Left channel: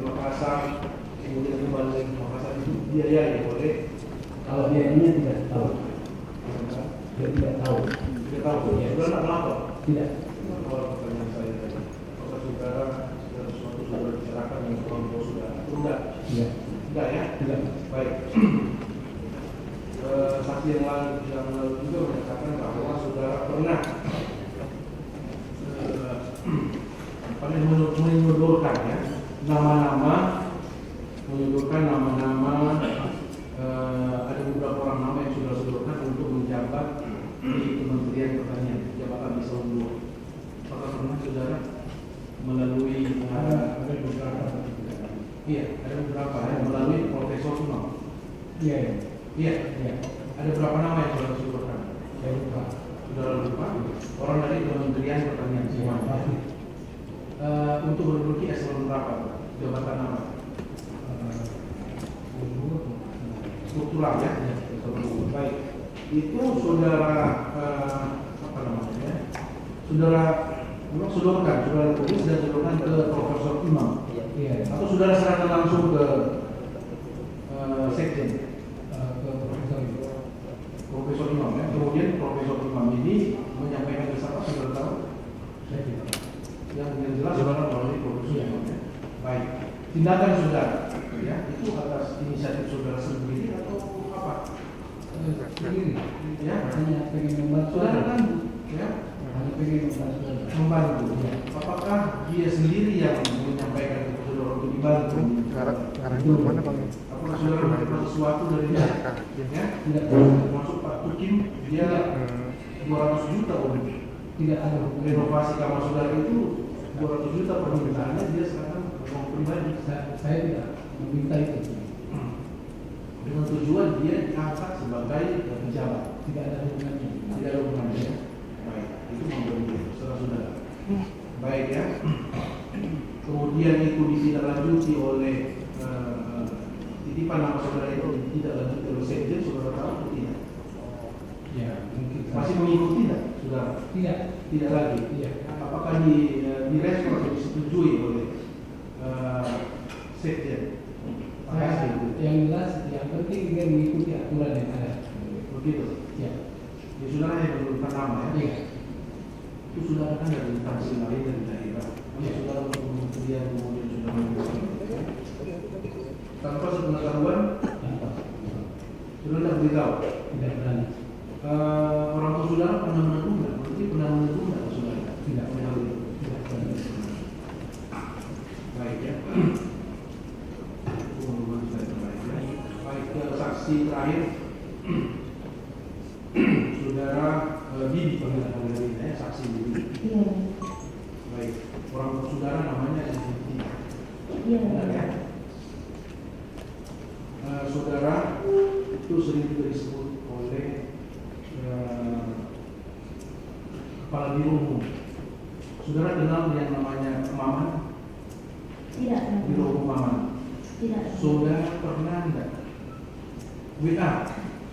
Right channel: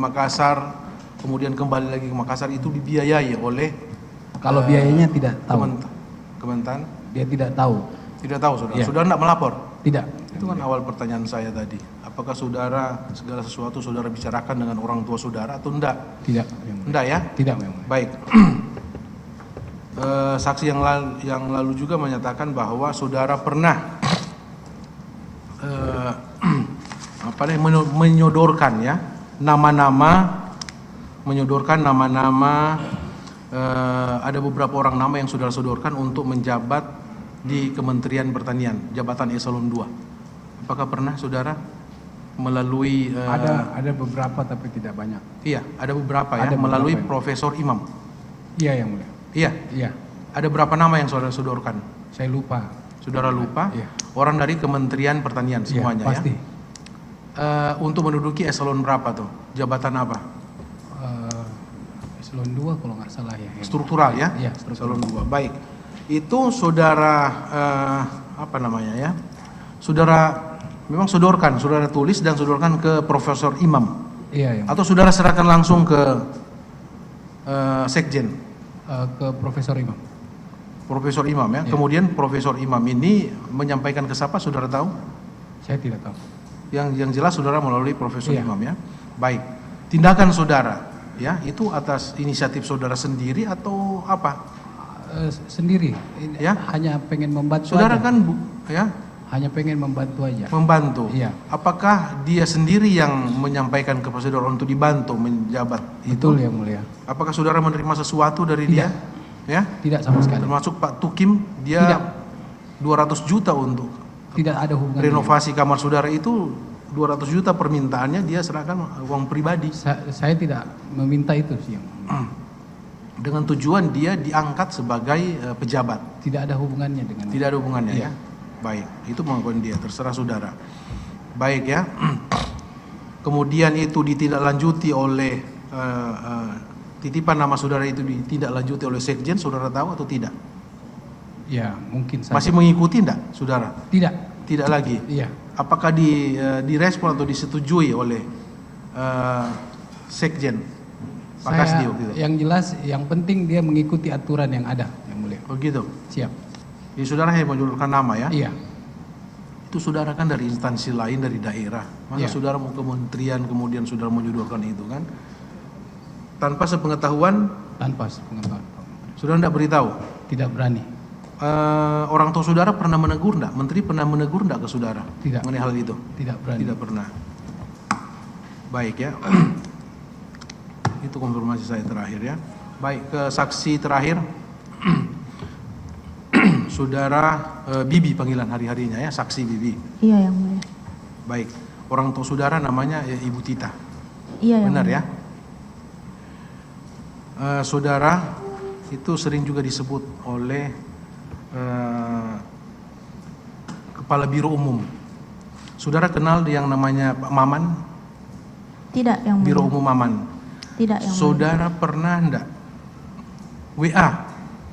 Makassar, kemudian kembali lagi ke Makassar, itu dibiayai oleh Kalau biayanya tidak tahu. Kementan? Dia tidak tahu. Tidak tahu, saudara. Iya. Saudara tidak melapor? Tidak. Itu kan awal pertanyaan saya tadi. Apakah saudara segala sesuatu saudara bicarakan dengan orang tua saudara atau enggak? Tidak. Enggak ya? Tidak. Baik. Saksi yang lalu juga menyatakan bahwa saudara pernah menyodorkan ya nama-nama, ada beberapa orang nama yang saudara sodorkan untuk menjabat di Kementerian Pertanian, jabatan eselon 2. Apakah pernah saudara melalui Ada beberapa tapi tidak banyak. Iya, ada beberapa ya, Ada melalui beberapa. Profesor Imam. Iya, yang mulia. Iya, Iya. ada berapa nama yang saudara sodorkan? Saya lupa. Saudara lupa? Iya. Orang dari Kementerian Pertanian semuanya Iya, pasti. ya. Untuk menduduki eselon berapa tuh? Jabatan apa? Eselon 2 kalau nggak salah ya. Struktural ya? Iya, Eselon 2. Baik. Itu saudara saudara memang sodorkan, saudara tulis dan sodorkan ke Profesor Imam. Iya, ya. Atau saudara serahkan langsung ke Sekjen? Ke Profesor Imam. Profesor Imam ya. Iya. Kemudian Profesor Imam ini menyampaikan ke siapa, saudara tahu? Saya tidak tahu. Yang jelas saudara melalui Profesor Iya. Imam ya. Baik. Tindakan saudara ya itu atas inisiatif saudara sendiri atau apa? Sendiri. Ya. Hanya pengen membantu Saudara aja. kan ya Hanya pengen membantu aja. membantu. Iya. Apakah dia sendiri yang menyampaikan ke saudara untuk dibantu menjabat? Betul ya, mulia. Apakah saudara menerima sesuatu dari dia? Ya. Tidak sama sekali. Termasuk Pak Tukim, dia Tidak. 200 juta untuk Tidak ada hubungan. renovasi kamar saudara itu 200 juta permintaannya, dia serahkan uang pribadi Saya tidak meminta itu sih. dengan tujuan dia diangkat sebagai pejabat. Tidak ada hubungannya dengan. Tidak ada hubungannya Iya. ya. Baik, itu mengapa dia, terserah saudara. Baik ya. Kemudian itu ditindaklanjuti oleh titipan nama saudara itu ditindaklanjuti oleh Sekjen, saudara tahu atau tidak? Ya, mungkin saja. Masih mengikuti enggak saudara? Tidak. Tidak lagi. Iya. Apakah direspon atau disetujui oleh Sekjen Pak Saya, Kasdio gitu? yang jelas, yang penting dia mengikuti aturan yang ada. Yang mulia. Oh gitu. Siap. Jadi saudara yang menyodorkan nama ya? Iya. Itu saudara kan dari instansi lain, dari daerah. Masa Iya. saudara mau kementerian kemudian saudara menyodorkan itu kan? Tanpa sepengetahuan, Tanpa sepengetahuan. saudara tidak beritahu. Tidak berani. Orang tua saudara pernah menegur enggak? Menteri pernah menegur enggak ke saudara? Tidak. Mengenai hal itu? Tidak berani. Tidak pernah. Baik ya. Itu konfirmasi saya terakhir ya. Baik, ke saksi terakhir. Saudara Bibi panggilan hari-harinya ya, saksi Bibi. Iya, yang mulia. Baik, orang tua saudara namanya Ibu Tita. Iya, yang Benar mulia. ya? Saudara itu sering juga disebut oleh Kepala Biro Umum. Saudara kenal yang namanya Pak Maman? Tidak, yang mulia. Biro Umum Maman. Tidak, yang mulia. Saudara pernah enggak WA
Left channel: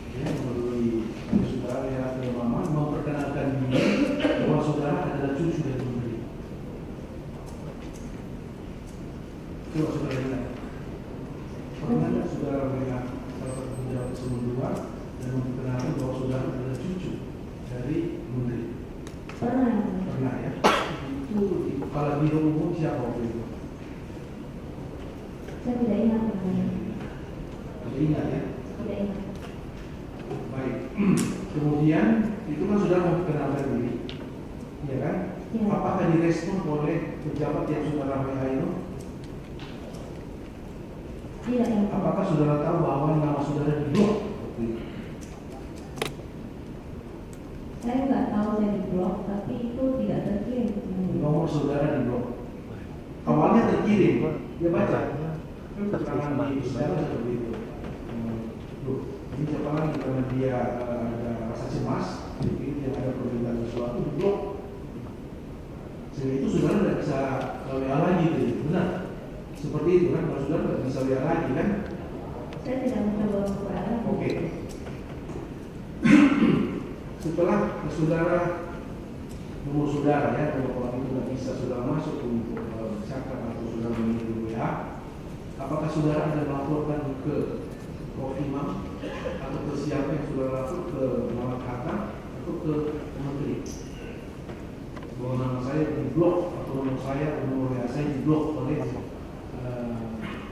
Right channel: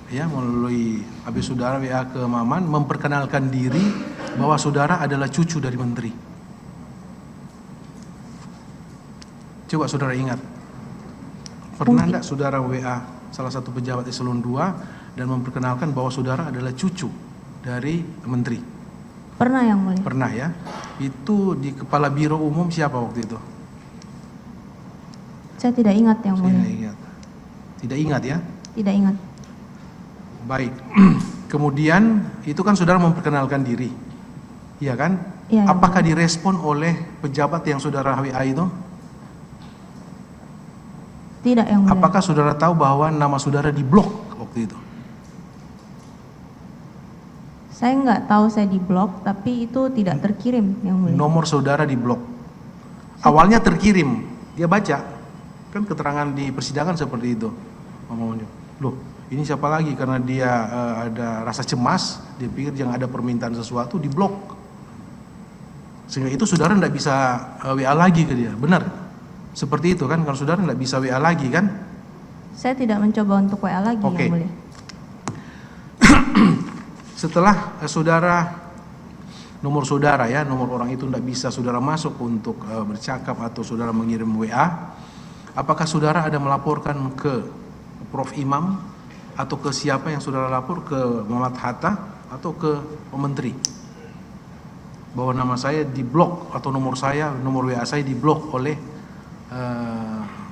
ya, melalui habis saudara WA ke Maman memperkenalkan diri bahwa saudara adalah cucu dari menteri? Coba saudara ingat. Pernah enggak saudara WA salah satu pejabat eselon 2 dan memperkenalkan bahwa saudara adalah cucu dari menteri? Pernah, yang mulia. Pernah ya. Itu di Kepala Biro Umum siapa waktu itu? Saya tidak ingat, yang Saya tidak mulia. ingat. Tidak ingat ya? Tidak ingat. Baik. Kemudian itu kan saudara memperkenalkan diri. Iya kan? Iya. Apakah direspon oleh pejabat yang saudara WA itu? Tidak, yang mulia. Apakah saudara tahu bahwa nama saudara diblok waktu itu? Saya nggak tahu saya diblok, tapi itu tidak terkirim, yang mulia. Nomor saudara diblok. Awalnya terkirim, dia baca. Kan keterangan di persidangan seperti itu. Loh, ini siapa lagi? Karena dia ada rasa cemas, dia pikir yang ada permintaan sesuatu, diblok. Sehingga itu saudara tidak bisa WA lagi ke dia. Benar? Seperti itu kan, kalau saudara tidak bisa WA lagi kan? Saya tidak mencoba untuk WA lagi, Oke. yang mulia. Setelah saudara, nomor saudara ya, nomor orang itu tidak bisa saudara masuk untuk bercakap atau saudara mengirim WA, Apakah saudara ada melaporkan ke Prof. Imam atau ke siapa yang saudara lapor, ke Muhammad Hatta atau ke Menteri, bahwa nama saya diblok atau nomor WA saya diblok oleh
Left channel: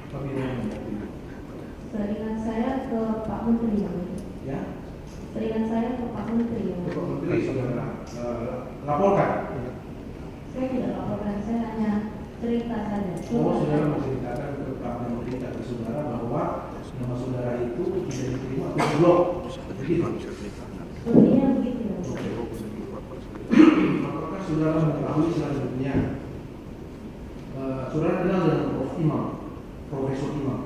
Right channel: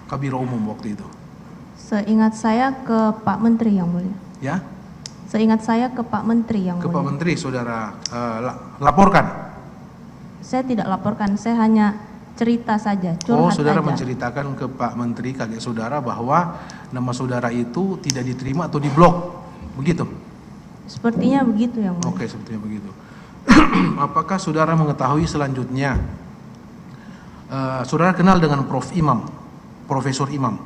Kabiro Umum waktu itu? Seingat saya ke Pak Menteri yang mulia. Ya, Seingat saya ke Pak Menteri yang ke Pak mulia. Menteri saudara laporkan. Saya tidak laporkan, saya hanya cerita saja, Oh, curhat saudara aja. menceritakan ke Pak Menteri, kakek saudara, bahwa nama saudara itu tidak diterima atau diblok, begitu? Sepertinya begitu yang mulia. Oke, sepertinya begitu. Apakah saudara mengetahui selanjutnya, saudara kenal dengan Prof. Imam, Profesor Imam?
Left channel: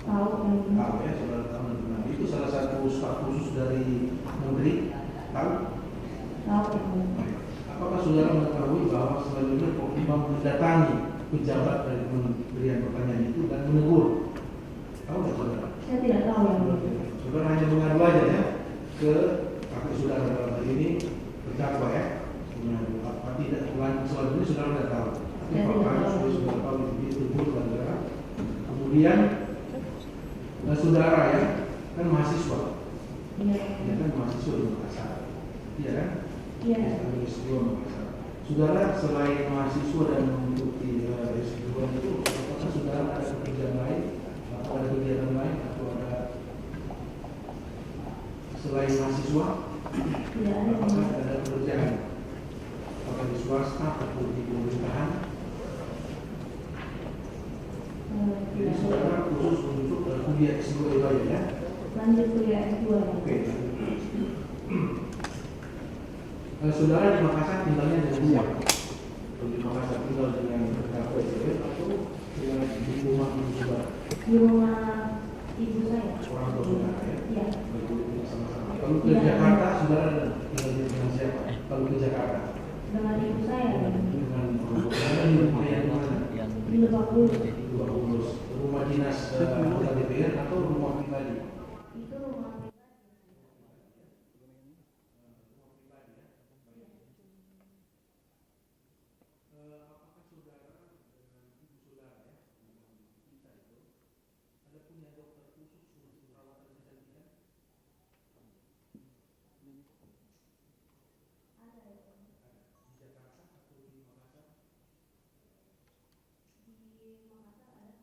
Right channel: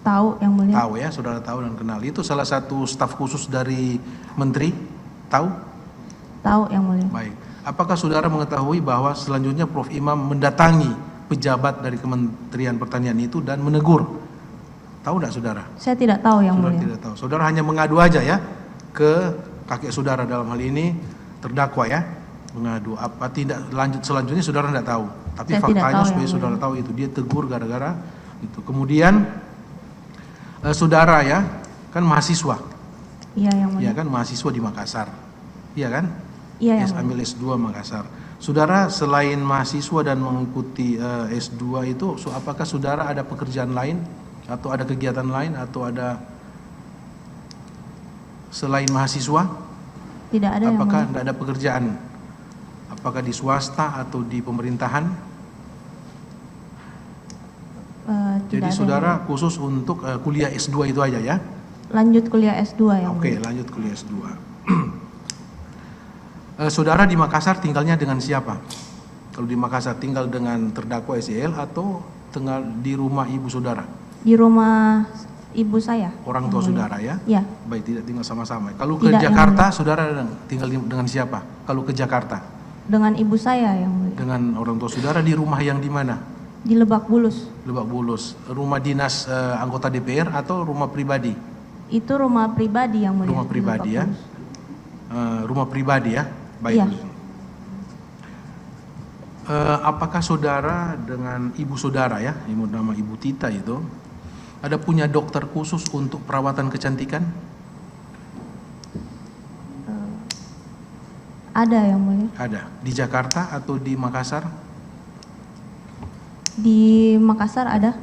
Tahu yang mulia. Tahu ya, saudara tahu dan kenal. Itu salah satu staf khusus dari Menteri, tahu? Tahu yang mulia. Baik. Apakah saudara mengetahui bahwa selanjutnya Prof. Imam mendatangi pejabat dari Kementerian Pertanian itu dan menegur? Tahu tidak saudara? Saya tidak tahu yang Saudara mulia. tidak tahu. Saudara hanya mengadu aja ya ke kakek saudara, dalam hal ini terdakwa ya, mengadu. Apa tidak lanjut selanjutnya saudara tidak tahu. Tapi Saya tidak faktanya tahu, supaya yang saudara tahu itu dia tegur gara-gara itu. Kemudian saudara ya kan mahasiswa, Iya yang mulia. ya kan mahasiswa di Makassar, iya kan? Iya yang mulia. Ambil S2 Makassar. Saudara selain mahasiswa dan mengikuti S2 itu, apakah saudara ada pekerjaan lain atau ada kegiatan lain atau ada selain mahasiswa? Tidak ada yang Apakah mulia. tidak ada pekerjaan? Apakah di swasta atau di pemerintahan? Tidak Jadi ada saudara khusus untuk kuliah S2 itu aja ya? lanjut kuliah S2 yang Oke, mulia. lanjut kuliah S2. Saudara di Makassar tinggalnya dengan siapa? Kalau di Makassar tinggal dengan terdakwa SEL atau tinggal di rumah ibu saudara? Di rumah ibu saya. Orang tua saudara ya? Iya, Baik, tidak tinggal sama-sama. Kalau ke Tidak, Jakarta, saudara tinggal dengan siapa? Kalau ke Jakarta, dengan ibu saya yang mulia. dengan orang tua saudara di rumah yang di mana? Di Lebak Bulus. Lebak Bulus. Rumah dinas anggota DPR atau rumah pribadi? Itu rumah pribadi yang mulia. Rumah di pribadi Lebak ya? Bulus. Rumah pribadi ya? Baik. Iya. Apakah saudara dengan ibu saudara ya, nama Ibu Tita itu, ada punya dokter khusus untuk perawatan kecantikan? Ada yang mulia. Ada. Di Jakarta atau di Makassar? Di Makassar ada.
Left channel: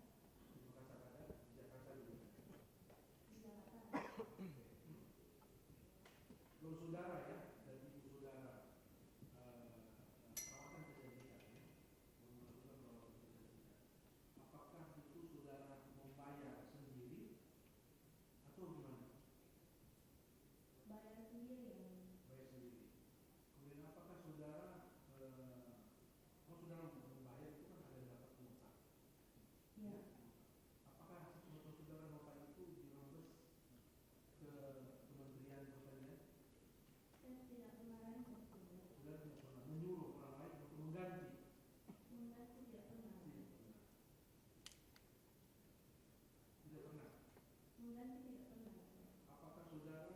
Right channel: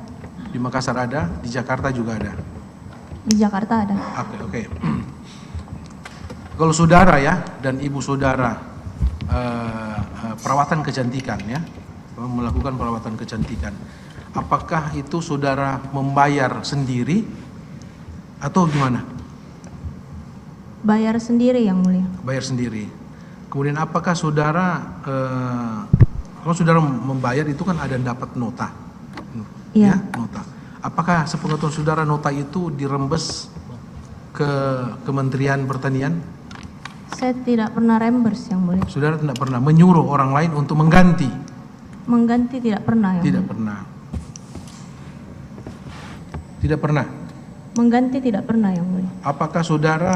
Di Makassar ada, di Jakarta juga ada. Di Jakarta ada. Oke. Kalau saudara ya dan ibu saudara perawatan kecantikan ya, melakukan perawatan kecantikan, apakah itu saudara membayar sendiri atau gimana? Bayar sendiri yang mulia. Bayar sendiri. Kemudian apakah saudara kalau saudara membayar itu kan ada dapat nota, Iya. ya, nota. Apakah sepengetahuan saudara nota itu dirembes ke Kementerian Pertanian? Saya tidak pernah reimburse yang mulia. Saudara tidak pernah menyuruh orang lain untuk mengganti? Mengganti tidak pernah yang Tidak mulia. pernah. Tidak pernah. Mengganti tidak pernah yang mulia. Apakah saudara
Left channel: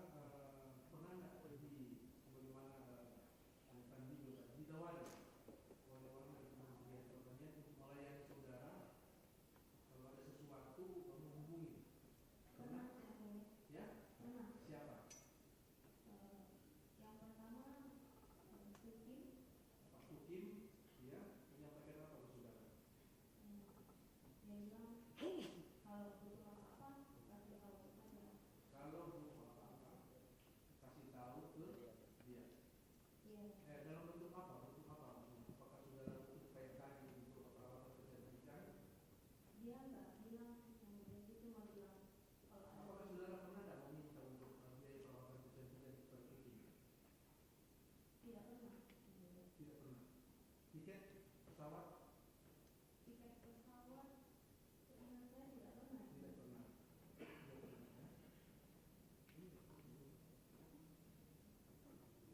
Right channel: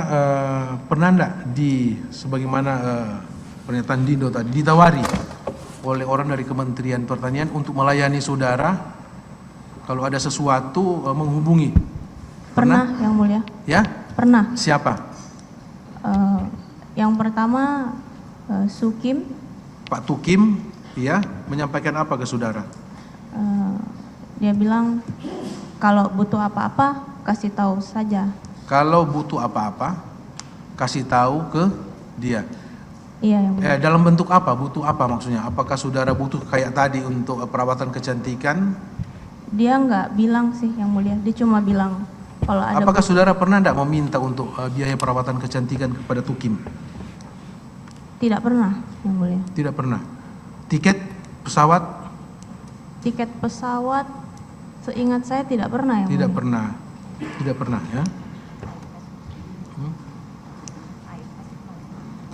pernah enggak sebagaimana pernyataan Dindo tadi ditawari oleh orang dari Kementerian Pertanian untuk melayani saudara kalau ada sesuatu menghubungi? Pernah yang mulia. Ya? Pernah. Siapa? Yang pertama Sukim. Pak Tukim, ya, menyampaikan apa ke saudara? Dia bilang kalau butuh apa-apa kasih tahu saja. Kalau butuh apa-apa, kasih tahu ke dia. Iya yang mulia. Dalam bentuk apa? Butuh apa maksudnya? Apakah saudara butuh kayak tadi untuk perawatan kecantikan? Dia nggak bilang sih yang mulia. Dia cuma bilang kalau ada. Apakah saudara pernah tidak meminta untuk biaya perawatan kecantikan kepada Tukim? Tidak pernah yang mulia. Tidak pernah. Tiket pesawat? Tiket pesawat seingat saya tidak pernah yang Tidak mulia. pernah. Tidak pernah ya.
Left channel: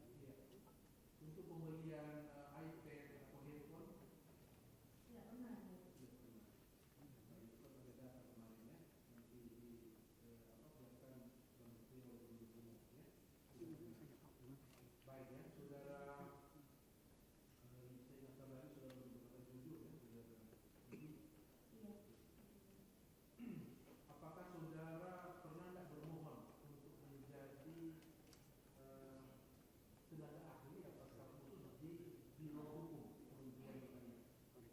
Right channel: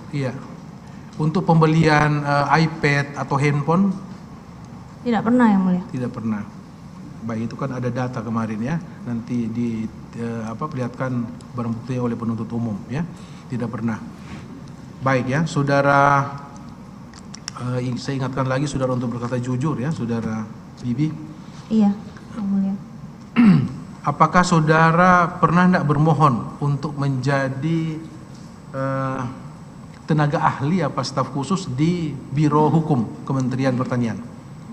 Iya. Untuk pembelian iPad atau handphone? Tidak pernah yang mulia. Tidak pernah. Baik, itu kan ada data kemarin ya. Nanti perlihatkan barang bukti oleh penuntut umum ya. Tidak pernah. Baik ya, saudara. Saya ingatkan lagi saudara untuk berkata jujur ya, saudara Bibi. Iya yang mulia. apakah saudara pernah tidak bermohon untuk menjadi tenaga ahli apa staf khusus di Biro Hukum Kementerian Pertanian?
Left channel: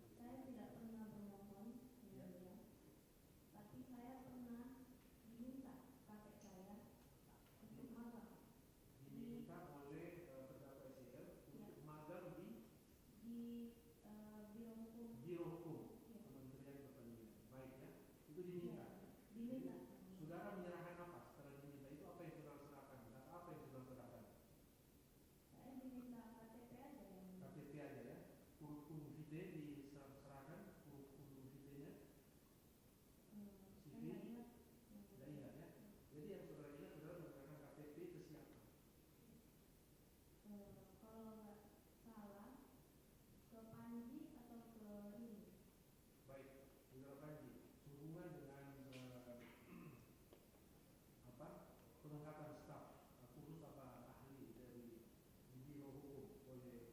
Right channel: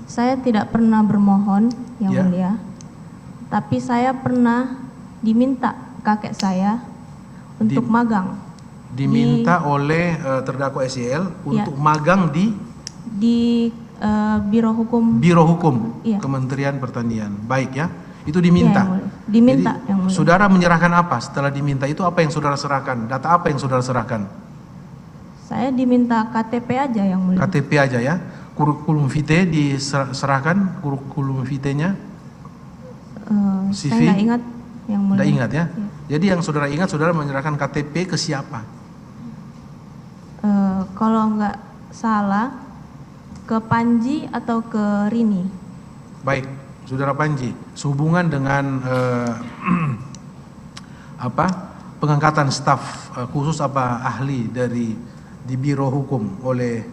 Saya tidak pernah bermohon, Yang Ya. Mulia. Tapi saya pernah diminta kakek saya untuk magang Diminta oleh terdakwa SEL untuk magang di di Biro Hukum. Biro Hukum Iya. Kementerian Pertanian. Baik ya, itu diminta. Iya, Yang Mulia. Diminta, Jadi, Yang Mulia. saudara menyerahkan apa setelah diminta itu? Apa yang saudara serahkan? Data apa yang saudara serahkan? Saya diminta KTP aja, Yang Mulia. KTP aja ya. Kurikulum vitae diserahkan, kurikulum vitae-nya. CV? Saya nggak ingat, Yang Mulia. Tidak ingat ya. Iya. Jadi yang saudara ingat, saudara menyerahkan KTP ke siapa? Kalau nggak salah ke Panji atau ke Rini. Baik, saudara Panji, sehubungan dengan pengangkatan staf khusus apa ahli di Biro Hukum oleh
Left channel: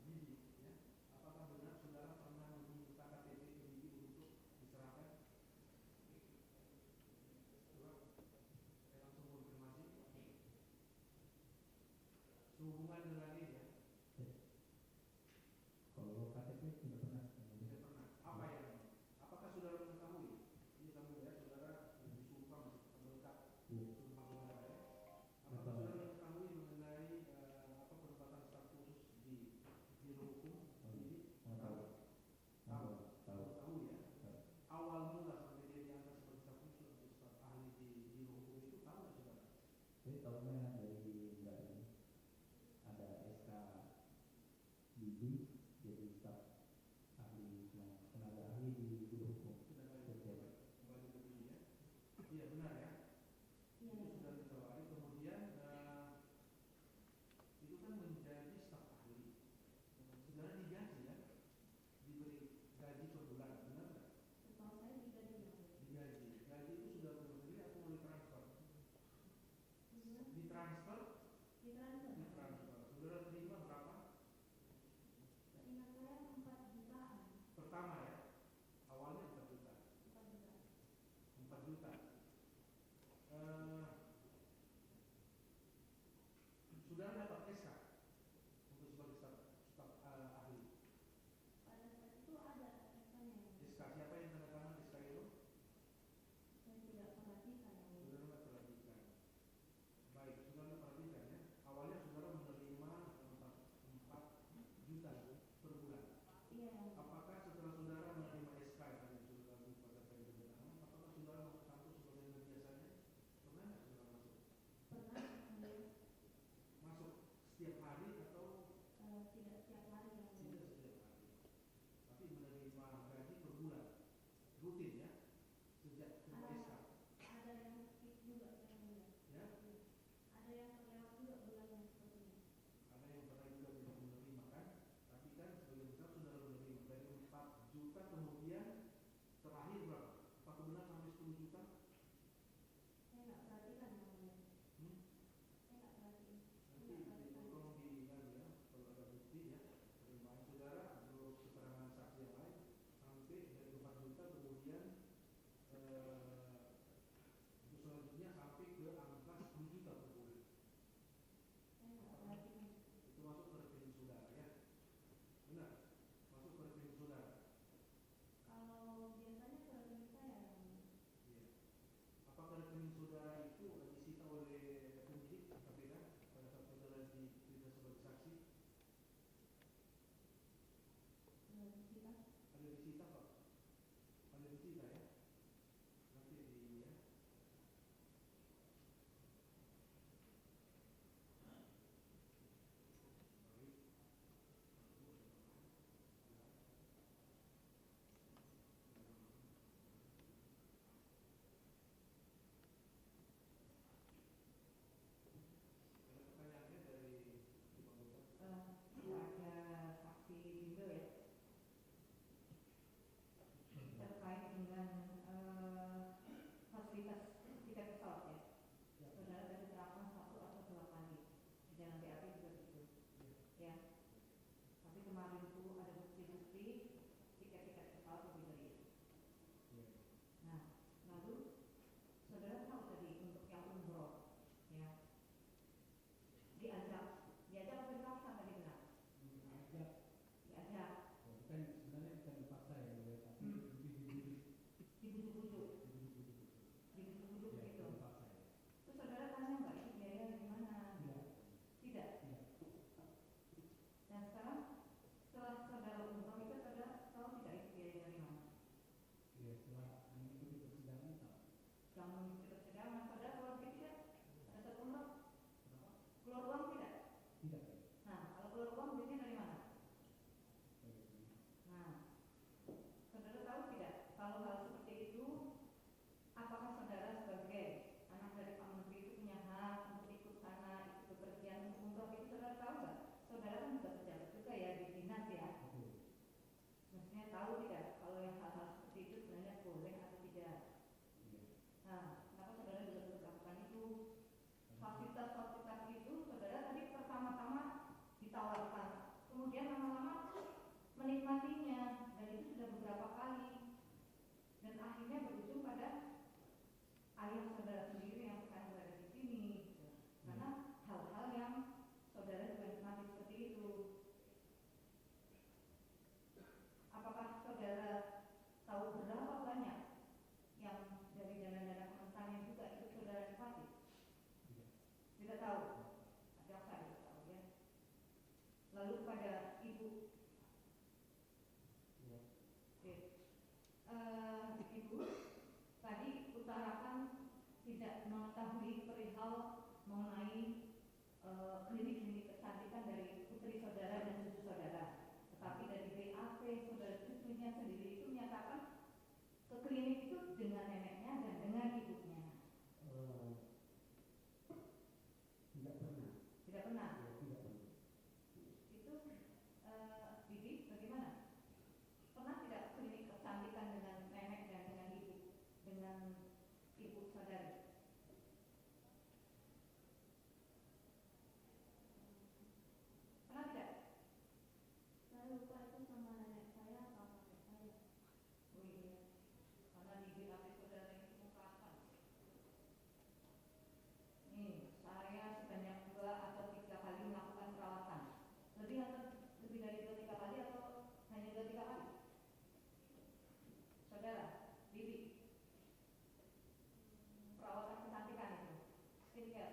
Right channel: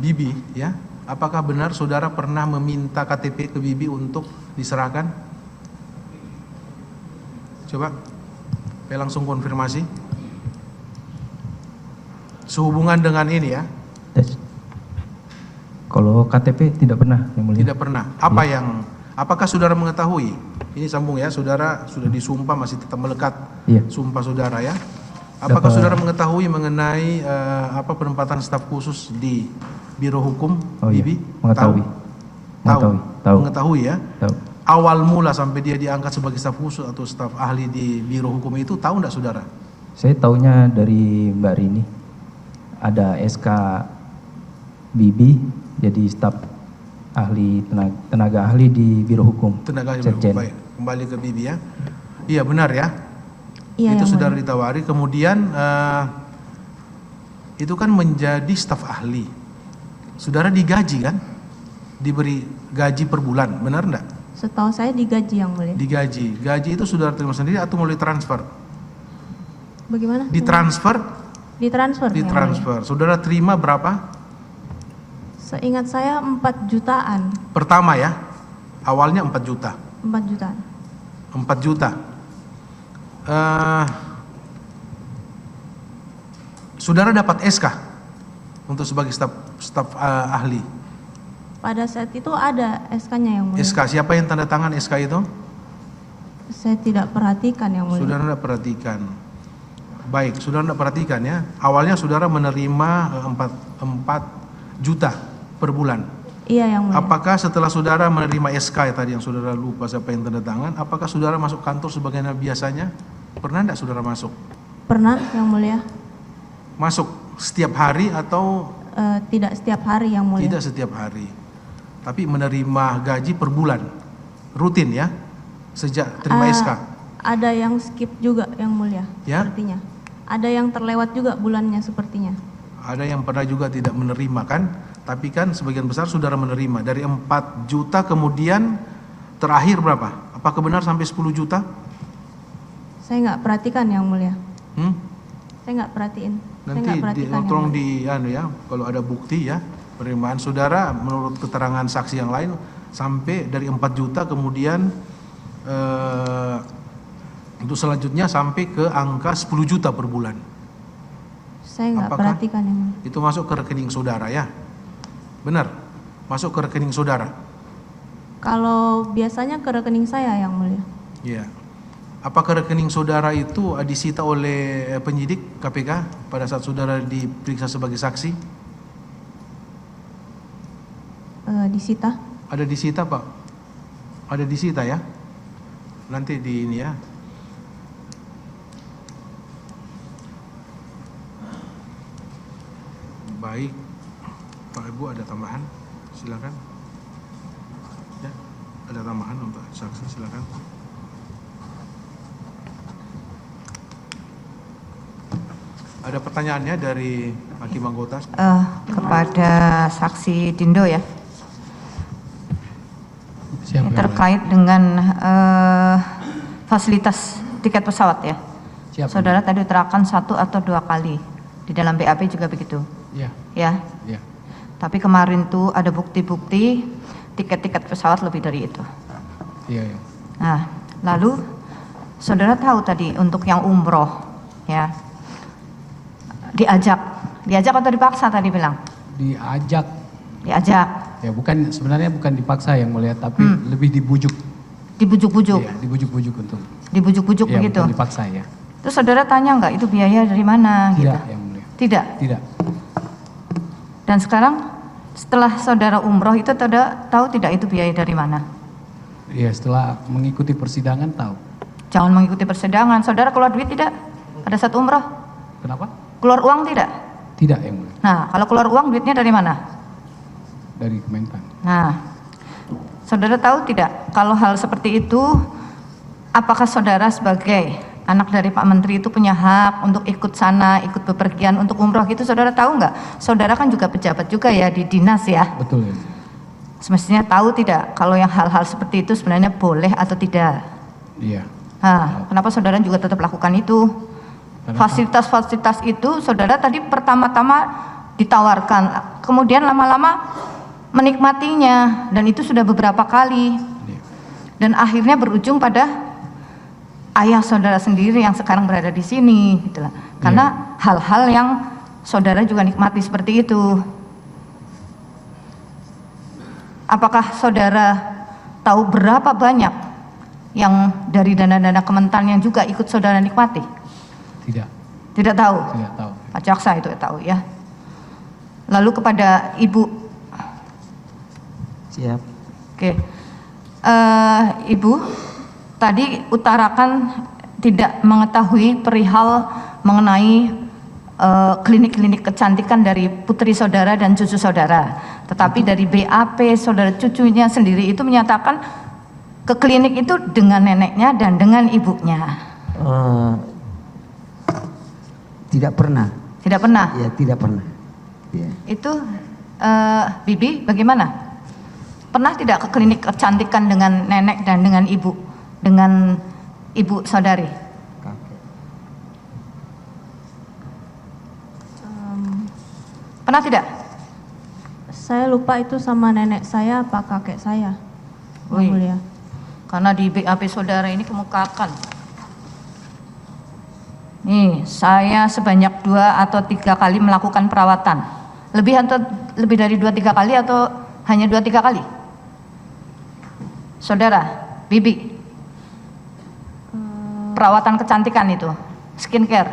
Bibi ya, apakah benar saudara pernah meminta KTP ke Bibi untuk diserahkan? Coba saya langsung konfirmasi sehubungan dengan ini ya. Tes. Kalau KTP tidak pernah, Yang Mulia. Tidak pernah. Apakah saudara mengetahui? Ini sambung ya, saudara sudah disumpah masih tetap melekat Iya. sumpah saudara ya. Apakah Dapat- saudara mengetahui mengenai penempatan staf khusus di Biro Hukum Oh iya, Bibi? mengetahui. Tahu. Tahu. Mengetahui ya. Tahu. Awal mula sampai dia diangkat sebagai staf khusus atau staf ahli di Biro Hukum itu tahu enggak saudara? Saya taunya dari Mbak Rini. Ada SK Bibi jadi staf ahli tenaga ahli di Biro Hukum. Tenaga ahli Biro Hukum. Sekjen. Baik, kembali ke Bibi ya. Iya benar ya. Iya, Itu Yang saudara Mulia. ditawari, kemudian itu kan menjadi staf ahli. Saudara digaji kan? Diberi gaji per bulan, benar enggak? Setahu saya digaji, Yang Mulia. Digaji. Gaji itu saudara terima sendiri atau melalui transfer? Bagaimana? Ditransfer? Ditransfer. Yang Mulia. Ditransfer. Saudara terima berapa? Seingat saya 4 jutaan. Pertama ya. Awalnya 4 juta. 4 jutaan. 4 juta. Saudara dapat SK untuk sebagai staf ahli. Pada saat itu ada SK-nya, Yang Mulia. SK, siapa yang tanda tangan SK itu? Saya tidak perhatikan, Yang Mulia. Saudara tidak perhatikan. Baik, saudara tidak perhatikan ya. Awalnya saudara menerima 4 juta per bulan. Iya, Yang Mulia. Apakah setelah saudara menerima SK tadi yang saudara lupa siapa yang tanda tangan, apakah saudara masuk kantor sebagaimana biasanya? Pernah tidak saudara masuk? Pernah, Yang Mulia. Masuk setiap hari atau Tidak setiap hari, Yang Mulia. tidak setiap hari? Tapi menerima gaji per bulan, rutin ya, sejak terima SK. Ada yang skip juga, Yang Mulia. Ya? Sepertinya. Ada yang terlewat juga bulannya sepertinya. Ada yang pernah juga tidak menerima kan? Tapi kan sebagian besar saudara menerima. Dari 4 juta kemudian terakhir berapa? Apakah benar sampai 10 juta? Saya nggak perhatikan, Yang Mulia. Saya nggak perhatiin. Saya Nanti nggak perhatikan, Yang tolong Mulia. kalau ada bukti ya penerimaan saudara menurut keterangan saksi yang lain sampai dari 4 juta kemudian untuk selanjutnya sampai ke angka 10 juta per bulan. Saya nggak Apakah perhatikan, Yang Mulia. itu masuk ke rekening saudara ya? Benar? Masuk ke rekening saudara? Kalau biasanya ke rekening saya, Yang Mulia. Iya. Apakah rekening saudara itu disita oleh penyidik KPK pada saat saudara diperiksa sebagai saksi? Disita. Ada disita Pak? Ada disita ya? Nanti di ini ya. Baik. Pak Ibu ada tambahan? Silakan. Ya, ada tambahan untuk saksi, silakan. Ada pertanyaannya dari Hakim Anggota? Kepada saksi Dindo ya, Siapa yang terkait dengan fasilitas tiket pesawat ya. Siapa? Saudara tadi terangkan 1 atau 2 kali, di dalam BAP juga begitu Ya, ya. ya. Tapi kemarin tuh ada bukti-bukti tiket-tiket pesawat lebih dari itu. Iya, ya. Nah, lalu saudara tahu tadi untuk yang umroh, ya, diajak atau dipaksa tadi bilang? Diajak. Diajak. Ya sebenarnya bukan dipaksa yang mulia, tapi lebih dibujuk. Dibujuk-bujuk. Iya, dibujuk-bujuk untuk. Dibujuk-bujuk Ya, begitu. bukan dipaksa ya. Terus saudara tanya nggak itu biaya dari mana? Tidak Gitu? yang mulia. Tidak. Tidak. Dan sekarang setelah saudara umroh itu saudara tahu tidak itu biaya dari mana? Iya, setelah mengikuti persidangan tahu. Jangan mengikuti persidangan. Saudara keluar duit tidak? Pada saat umroh? Kenapa? Keluar uang tidak? Tidak yang mulia. Nah, kalau keluar uang duitnya dari mana? Dari Kementan. Nah, saudara tahu tidak kalau hal seperti itu, apakah saudara sebagai anak dari Pak Menteri itu punya hak untuk ikut sana, ikut bepergian untuk umroh gitu, saudara tahu nggak? Saudara kan juga pejabat juga ya di dinas ya. Betul ya. Semestinya tahu tidak kalau yang hal-hal seperti itu sebenarnya boleh atau tidak. Iya. Nah, kenapa saudara juga tetap lakukan itu? Karena Fasilitas-fasilitas itu saudara tadi pertama-tama ditawarkan, kemudian lama-lama menikmatinya, dan itu sudah beberapa kali. Iya. Dan akhirnya berujung pada ayah saudara sendiri yang sekarang berada di sini, gitu lah. Karena hal-hal yang saudara juga nikmati seperti itu. Apakah saudara tahu berapa banyak yang dari dana-dana Kementan yang juga ikut saudara nikmati? Tidak. Tidak tahu. Tidak tahu. Pak Jaksa itu tahu ya. Lalu kepada Ibu. Siap. Oke. Ibu tadi utarakan tidak mengetahui perihal mengenai klinik-klinik kecantikan dari putri saudara dan cucu saudara. Tetapi dari BAP saudara cucunya sendiri itu menyatakan ke klinik itu dengan neneknya dan dengan ibunya. Tidak pernah. Tidak pernah. Ya, tidak pernah. Ya. Itu Bibi bagaimana? Pernah tidak ke klinik kecantikan dengan nenek dan dengan ibu saudari? Pernah tidak? Saya lupa itu sama nenek saya apa kakek saya, Yang Wih. mulia. Karena di BAP saudara ini kemukakan. Nih, saya sebanyak 2 atau 3 kali melakukan perawatan. Lebih dari 2-3 kali atau hanya 2-3 kali? Saudara, Bibi. Perawatan kecantikan itu, skincare.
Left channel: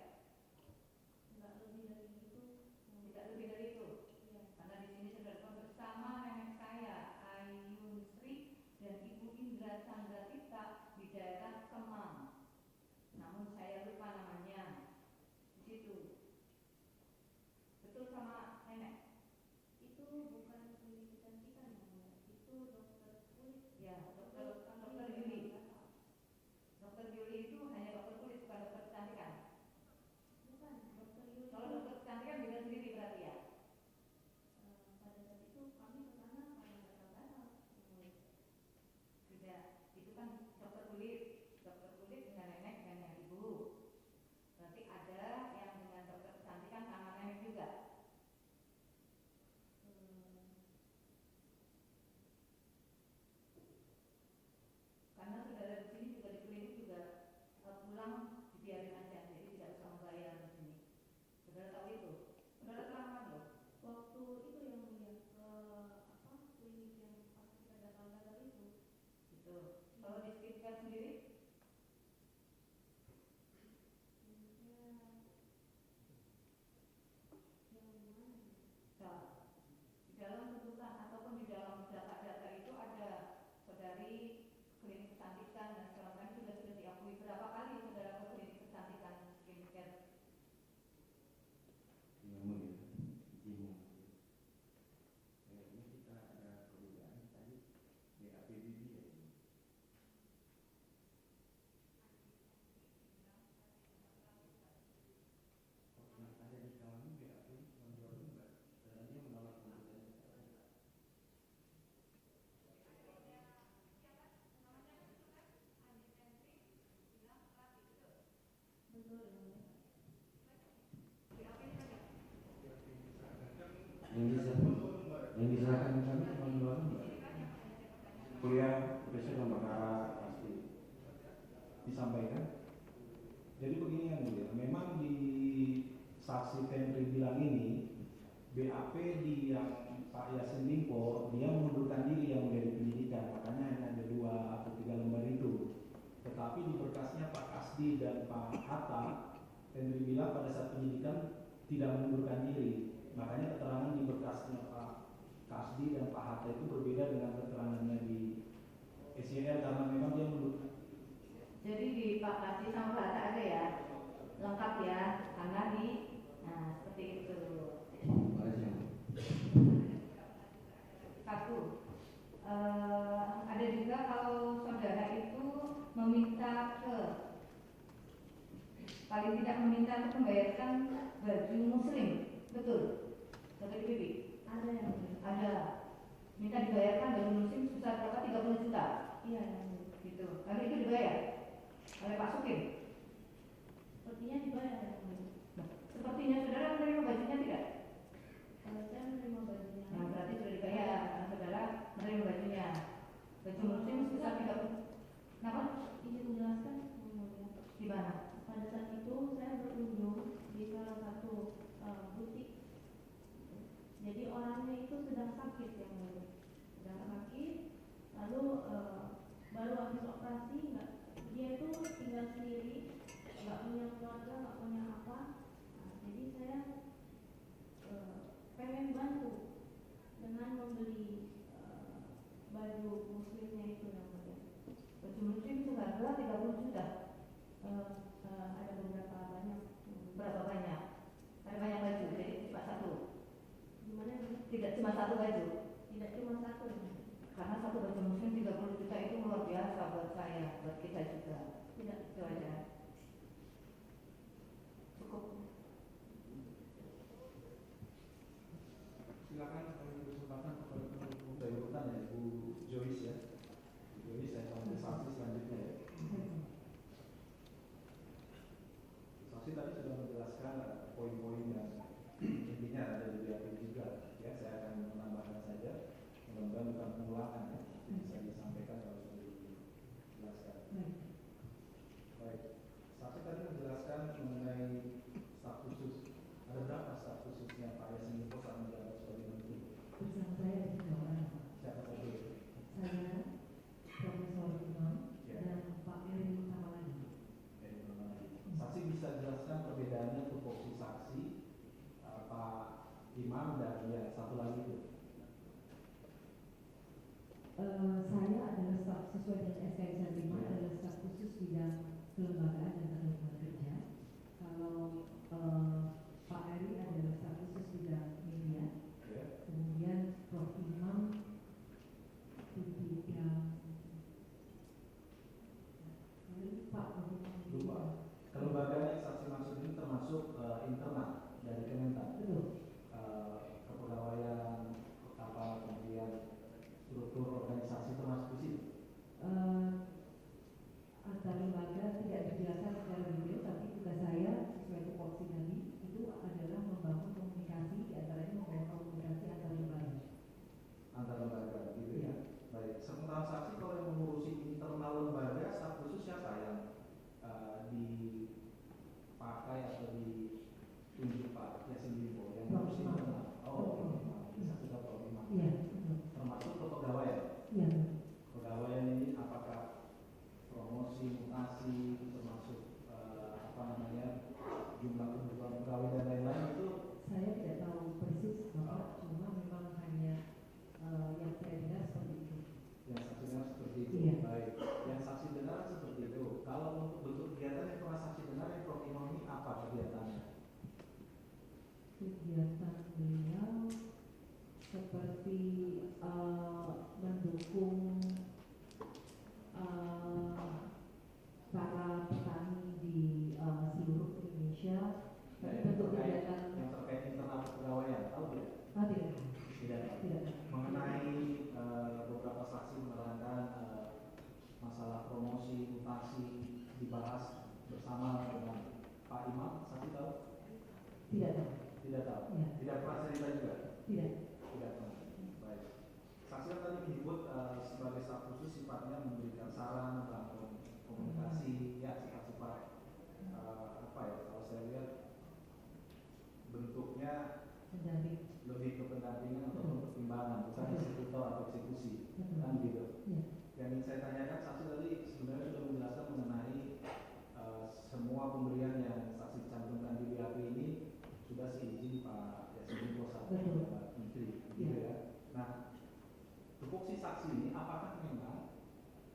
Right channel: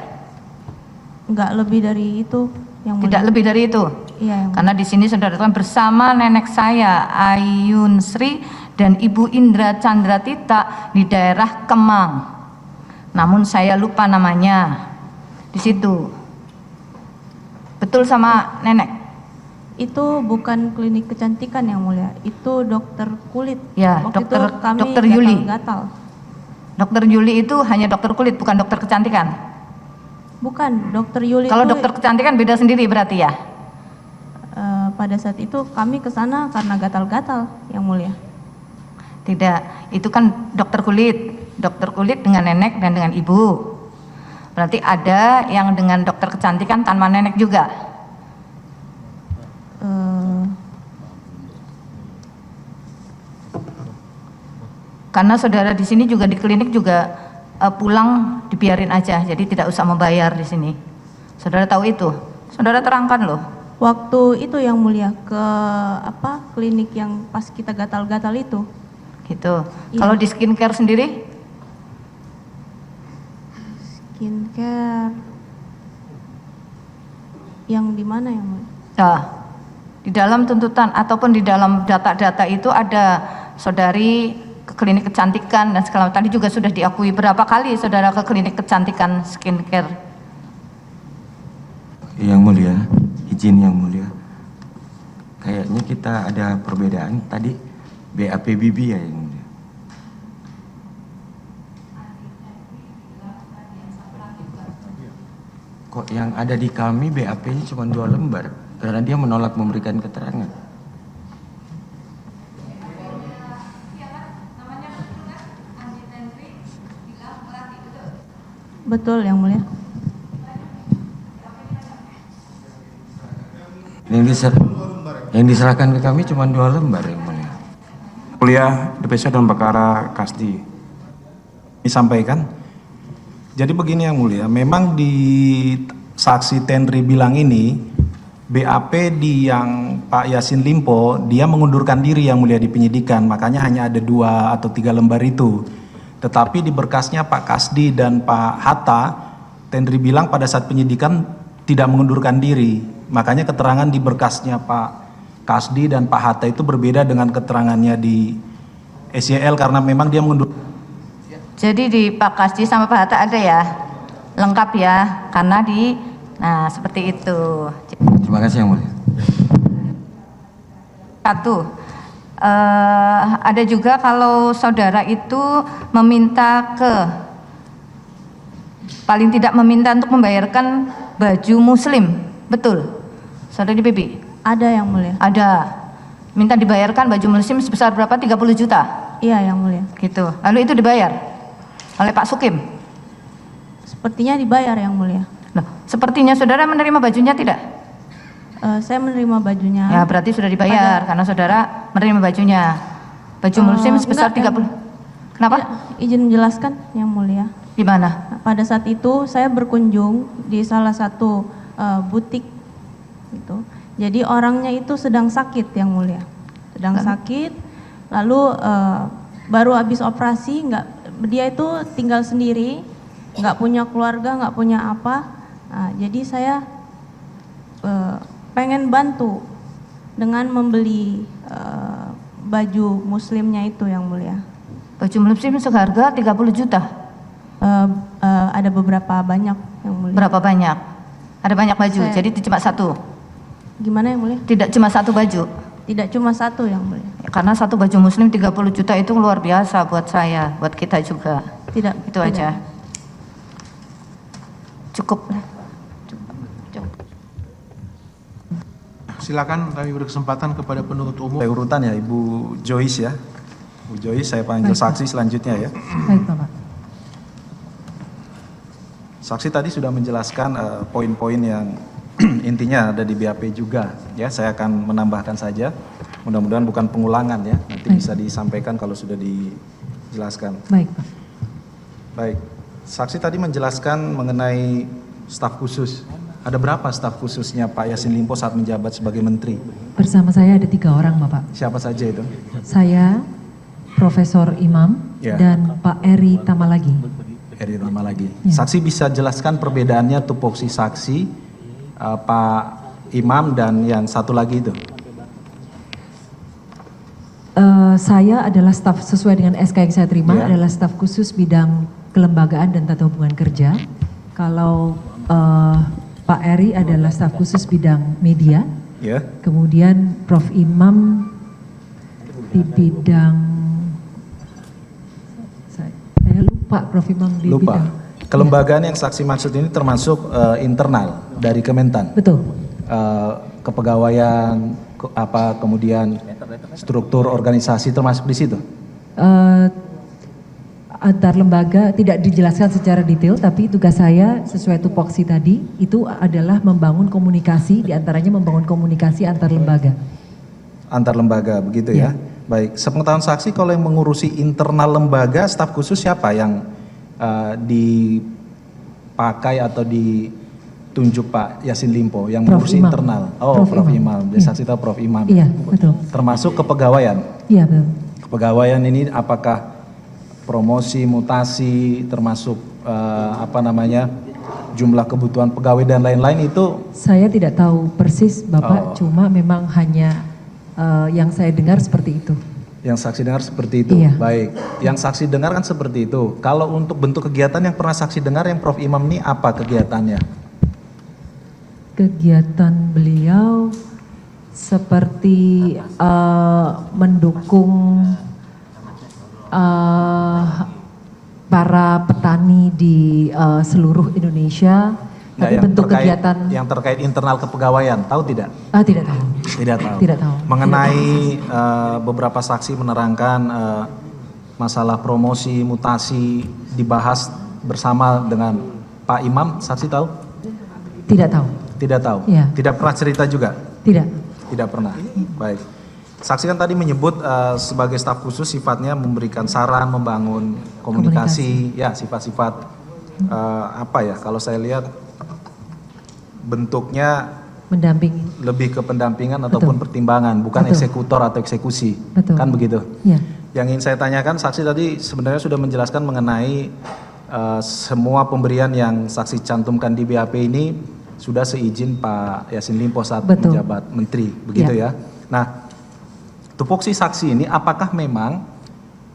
Enggak lebih dari itu, Yang mulia. Tidak lebih dari itu. Iya, Yang mulia. Karena di sini saudara teman bersama nenek saya Ayun Sri dan Ibu Indra Chandra Tita di daerah Kemang. Namun saya lupa namanya. Di situ. Betul sama nenek? Itu bukan klinik kecantikan Yang mulia, itu dokter kulit. Ya, Waktu dokter- itu kami dokter Yuli. gatal-gatal. Dokter Yuli itu hanya dokter kulit, bukan dokter kecantikan. Bukan, dokter Yuli Kalau itu dokter kecantikan beda sendiri berarti ya? pada saat itu kami ke sana karena gatal-gatal Yang mulia. Tidak, itu kan dokter kulit. Dokter kulit dengan nenek dan dengan ibu. Berarti ada yang dengan dokter kecantikan tanpa nenek juga. Karena saudara di sini juga di klinik juga pulang dibiarin aja, jadi tidak usah membayar di sini. Saudara tahu itu? Saudara terangkan loh. Waktu itu Yang mulia ke klinik yang pas kita gatal-gatal itu. Gitu. Iya. Kalau di skincare sendiri? Skincare yang di mana Yang mulia? Nah, di dalam tuntutan ataupun di dalam data-data itu ada saudari ke klinik kecantikan dan segala macam. Tadi juga sudah diakui berapa kali saudara ke klinik kecantikan skincare? Yang mulia, izin yang mulia. Kayaknya kita ada perbedaan tadi BAP Bibi ya yang mulia. Kok yang ada di kami BAP-nya cuma 2 lembar karena dia menolak memberikan keterangan. Betul Yang mulia. Yang diserahkan ke kami cuma 2 lembar yang mulia. Mulia, DPC dalam perkara Kasdi disampaikan. Jadi begini Yang Mulia, memang di saksi Tenri bilang ini BAP di yang Pak Yassin Limpo dia mengundurkan diri Yang Mulia di penyidikan, makanya hanya ada 2 atau 3 lembar itu. Tetapi di berkasnya Pak Kasdi dan Pak Hatta, Tenri bilang pada saat penyidikan tidak mengundurkan diri. Makanya keterangan di berkasnya Pak Kasdi dan Pak Hatta itu berbeda dengan keterangannya di SYL karena memang dia mengundurkan. Jadi di Pak Kasdi sama Pak Hatta ada ya? Lengkap ya? Karena nah seperti itu. Terima kasih Yang Mulia. Satu, ada juga kalau saudara itu meminta paling tidak meminta untuk membayarkan baju muslim, betul? Saudari Bibi? Ada Yang Mulia. Ada. Minta dibayarkan baju muslim sebesar berapa? 30 juta? Iya Yang Mulia. Gitu. Lalu itu dibayar oleh Pak Sukim? Sepertinya dibayar Yang Mulia. Nah, sepertinya saudara menerima bajunya tidak? Saya menerima bajunya. Ya berarti sudah dibayar karena saudara menerima bajunya. Baju muslim sebesar enggak, 30. Kenapa? Ya, izin menjelaskan Yang Mulia. Di mana? Pada saat itu saya berkunjung di salah satu butik gitu. Jadi orangnya itu sedang sakit Yang Mulia. Sedang sakit. Lalu baru habis operasi, dia itu tinggal sendiri, nggak punya keluarga, nggak punya apa. Nah, jadi saya pengen bantu dengan membeli baju muslimnya itu Yang Mulia. Baju muslim seharga 30 juta? Ada beberapa banyak Yang Mulia. Berapa banyak? Ada banyak baju, jadi cuma satu? Gimana Yang Mulia? Tidak cuma satu baju? Tidak cuma satu Yang Mulia. Karena satu baju muslim 30 juta itu luar biasa buat saya, buat kita juga. Tidak. Itu aja. Cukup. Silakan kami beri kesempatan kepada penuntut umum. Saya urutan ya Ibu Joyce ya. Bu Joyce saya panggil saksi selanjutnya ya. Baik Bapak. Saksi tadi sudah menjelaskan poin-poin yang intinya ada di BAP juga ya. Saya akan menambahkan saja. Mudah-mudahan bukan pengulangan ya. Nanti bisa disampaikan kalau sudah dijelaskan. Baik Pak. Baik. Saksi tadi menjelaskan mengenai staf khusus. Ada berapa staf khususnya Pak Yassin Limpo saat menjabat sebagai menteri? Bersama saya ada 3 orang Bapak. Siapa saja itu? Saya, Profesor Imam, Ya. dan Pak Eri Tamalagi. Eri Tamalagi. Ya. Saksi bisa jelaskan perbedaannya tupoksi saksi Pak Imam dan yang satu lagi itu? Saya adalah staf sesuai dengan SK yang saya terima, Ya. adalah staf khusus bidang kelembagaan dan tata hubungan kerja. Kalau Pak Eri adalah staf khusus bidang media. Ya. Kemudian Prof. Imam di bidang, saya lupa Prof. Imam di Lupa. bidang. Kelembagaan yang saksi maksud ini termasuk internal dari Kementan. Betul. Kepegawaian, kemudian struktur organisasi termasuk di situ. Antar lembaga tidak dijelaskan secara detail, tapi tugas saya sesuai tupoksi tadi itu adalah membangun komunikasi, diantaranya membangun komunikasi antar lembaga. Antar lembaga begitu ya. Baik, sepengetahuan saksi kalau yang mengurusi internal lembaga staf khusus siapa yang dipakai atau ditunjuk Pak Yassin Limpo yang Prof. mengurusi Imam. internal? Oh, Prof. Imam. Jadi Iya. saksi tahu Prof. Imam. Iya, betul. Termasuk kepegawaian. Iya, betul. Kepegawaian ini apakah promosi, mutasi, termasuk jumlah kebutuhan pegawai dan lain-lain itu? Saya tidak tahu persis Bapak, cuma memang hanya yang saya dengar seperti itu. Yang saksi dengar seperti itu. Iya. Baik. Yang saksi dengar kan seperti itu. Kalau untuk bentuk kegiatan yang pernah saksi dengar yang Prof. Imam ini apa kegiatannya? Kegiatan beliau seperti mendukung para petani di seluruh Indonesia. Tapi bentuk kegiatan yang terkait internal kepegawaian, tahu tidak? Tidak tahu. Tidak tahu. Tidak tahu. Mengenai beberapa saksi menerangkan masalah promosi, mutasi dibahas bersama dengan Pak Imam, saksi tahu? Tidak tahu. Tidak tahu. Iya. Tidak pernah cerita juga? Tidak. Tidak pernah. Baik. Saksi kan tadi menyebut sebagai staf khusus sifatnya memberikan saran, membangun komunikasi, ya sifat-sifat apa ya? Kalau saya lihat bentuknya Mendampingi. lebih ke pendampingan ataupun pertimbangan, bukan Betul. eksekutor atau eksekusi, Betul. kan begitu? Ya. Yang ingin saya tanyakan, saksi tadi sebenarnya sudah menjelaskan mengenai semua pemberian yang saksi cantumkan di BAP ini sudah seizin Pak Yassin Limpo saat Betul. menjabat menteri, begitu ya. Nah, tupoksi saksi ini apakah memang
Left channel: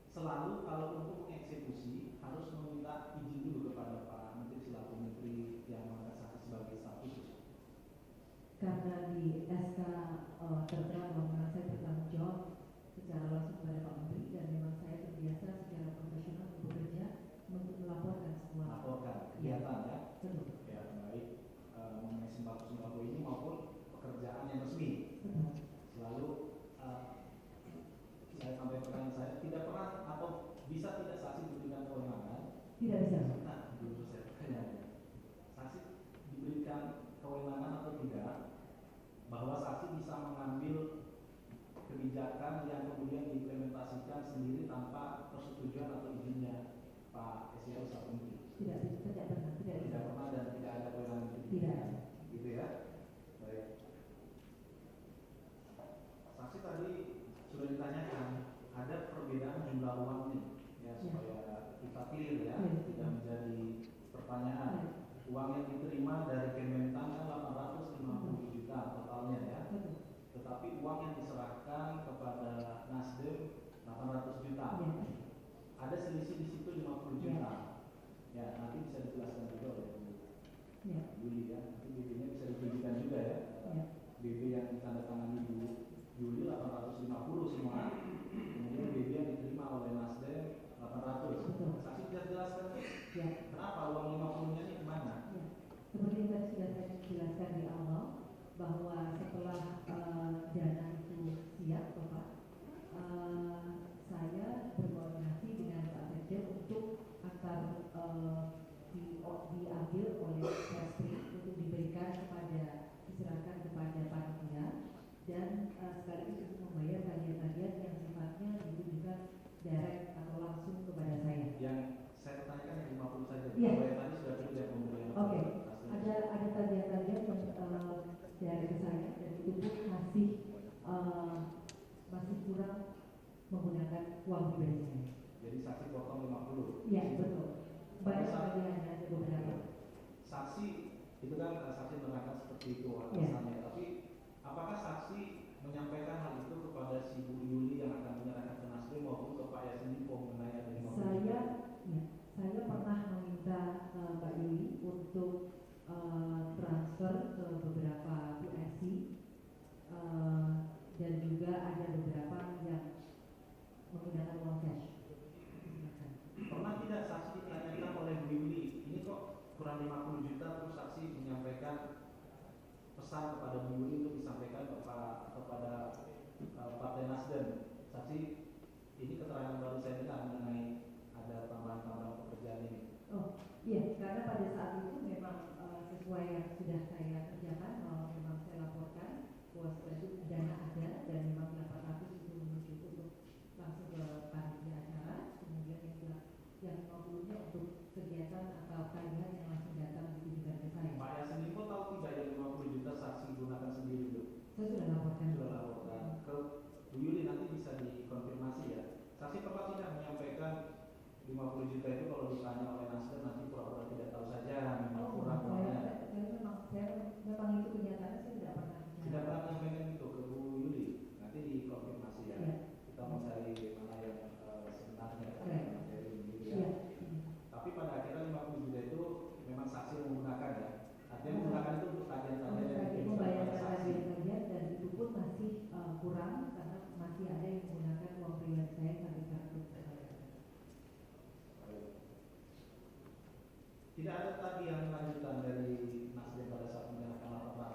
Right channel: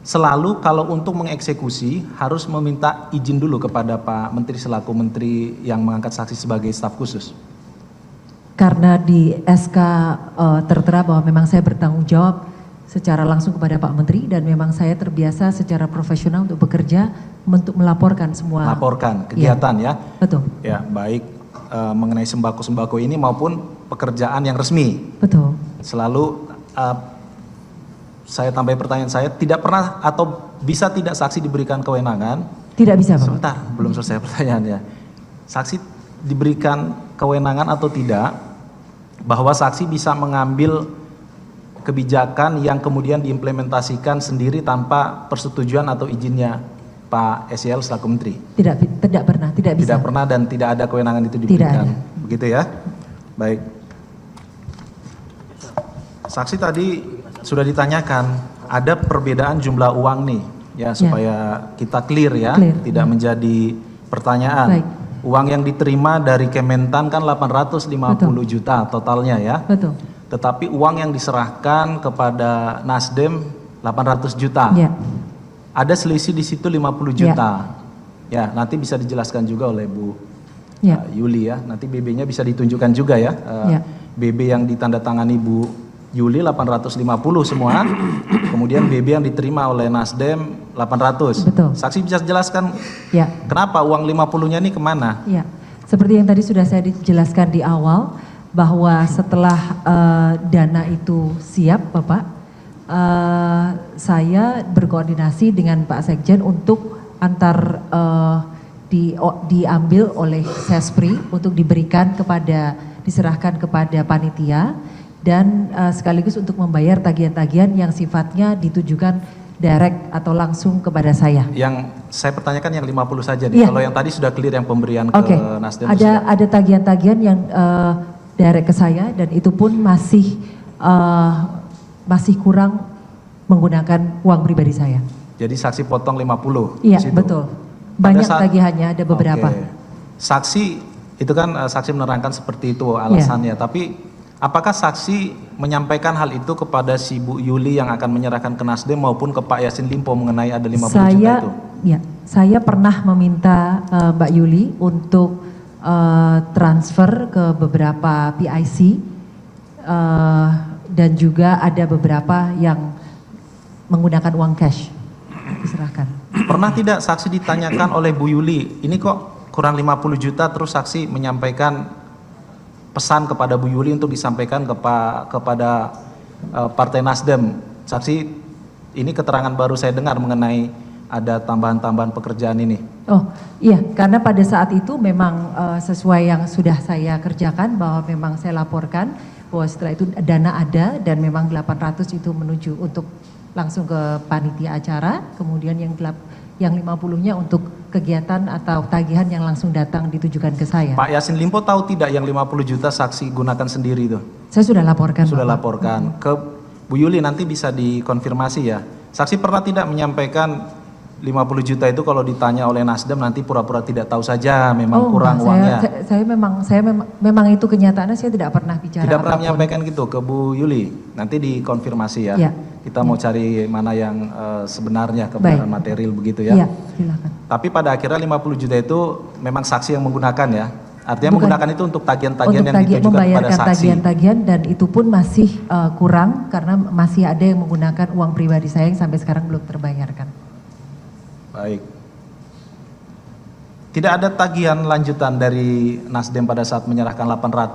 selalu kalau untuk mengeksekusi harus meminta izin dulu kepada Pak Menteri selaku menteri yang mengangkat saksi sebagai staf khusus? Karena di SK tertera bahwa memang saya bertanggung jawab secara langsung kepada Pak Menteri dan memang saya terbiasa secara profesional untuk bekerja untuk melaporkan semua. Laporkan kegiatan ya. Betul. Ya, baik mengenai sembako-sembako ini maupun pekerjaan yang resmi. Betul. Selalu saya tambah pertanyaan saya, tidak pernah atau bisa tidak saksi diberikan kewenangan? Tidak bisa, Pak. Sebentar, belum selesai pertanyaannya. Saksi diberikan kewenangan atau tidak bahwa saksi bisa mengambil kebijakan yang kemudian diimplementasikan sendiri tanpa persetujuan atau izinnya Pak SYL selaku menteri? Tidak pernah, tidak bisa. Tidak pernah dan tidak ada kewenangan itu Tidak diberikan. ada. Begitu ya? Baik. Saksi tadi sudah ditanyakan, ada perbedaan jumlah uang nih, ya supaya kita clear ya, Clear. tidak menjadi pertanyaan. Baik. Uang yang diterima dari Kementan kan 850 juta totalnya ya. Betul. Tetapi uang yang diserahkan kepada Nasdem 800 juta. Ya. Ada selisih di situ 50 juta. Ya, nanti bisa dijelaskan juga oleh Bu Ya. Yuli ya. Nanti BB-nya bisa ditunjukkan juga ya. Ya. BB yang ditandatangani Bu Yuli 850 semua. Kemudian BB yang diterima oleh Nasdem 800. Betul. Saksi bisa jelaskan Ya. kenapa uang 50-nya ini kemana? Ya. Seperti yang tadi sudah saya dijelaskan di awal bahwa setelah dana itu siap, Bapak, saya berkoordinasi dengan Pak Sekjen untuk diambil oleh Sespri untuk diserahkan kepada panitia dan sekaligus untuk membayar tagihan-tagihan yang sifatnya ditujukan direct atau langsung kepada saya. Yang saya pertanyakan yang 50 saja nih. Iya. Kalau yang tadi sudah clear yang pemberian Oke. ke Nasdem. Ada tagihan-tagihan yang direct ke saya dan itu pun masih kurang menggunakan uang pribadi saya. Jadi saksi potong 50. Iya, di situ. betul. Banyak Pada saat- tagihannya, ada beberapa. Oke. Saksi itu kan saksi menerangkan seperti itu alasannya, Iya. tapi apakah saksi menyampaikan hal itu kepada si Bu Yuli yang akan menyerahkan ke Nasdem maupun ke Pak Yassin Limpo mengenai ada 50 juta itu? Ya, saya pernah meminta Mbak Yuli untuk transfer ke beberapa PIC dan juga ada beberapa yang menggunakan uang cash diserahkan. Pernah tidak saksi ditanyakan oleh Bu Yuli, ini kok kurang 50 juta terus saksi menyampaikan pesan kepada Bu Yuli untuk disampaikan kepada Partai Nasdem. Saksi, ini keterangan baru saya dengar mengenai ada tambahan-tambahan pekerjaan ini. Oh iya, karena pada saat itu memang sesuai yang sudah saya kerjakan bahwa memang saya laporkan bahwa setelah itu dana ada dan memang 800 itu menuju untuk langsung ke panitia acara, kemudian yang 50-nya untuk kegiatan atau tagihan yang langsung datang ditujukan ke saya. Pak Yassin Limpo tahu tidak yang 50 juta saksi gunakan sendiri itu? Saya sudah laporkan. Sudah Bapak. laporkan. Ke Bu Yuli nanti bisa dikonfirmasi ya. Saksi pernah tidak menyampaikan 50 juta itu kalau ditanya oleh Nasdem nanti pura-pura tidak tahu saja memang kurang enggak, uangnya. saya memang itu kenyataannya saya tidak pernah bicara. Tidak pernah apapun. menyampaikan gitu ke Bu Yuli. Nanti dikonfirmasi ya. Ya. Kita mau cari mana yang sebenarnya kebenaran Baik. material begitu ya. Iya, silakan. Tapi pada akhirnya 50 juta itu memang saksi yang menggunakan ya. Artinya Bukan. menggunakan itu untuk tagihan-tagihan Untuk yang ditujukan kepada membayarkan saksi. tagihan-tagihan dan itu pun masih kurang karena masih ada yang menggunakan uang pribadi saya yang sampai sekarang belum terbayarkan. Baik. Tidak ada tagihan lanjutan dari Nasdem pada saat menyerahkan 800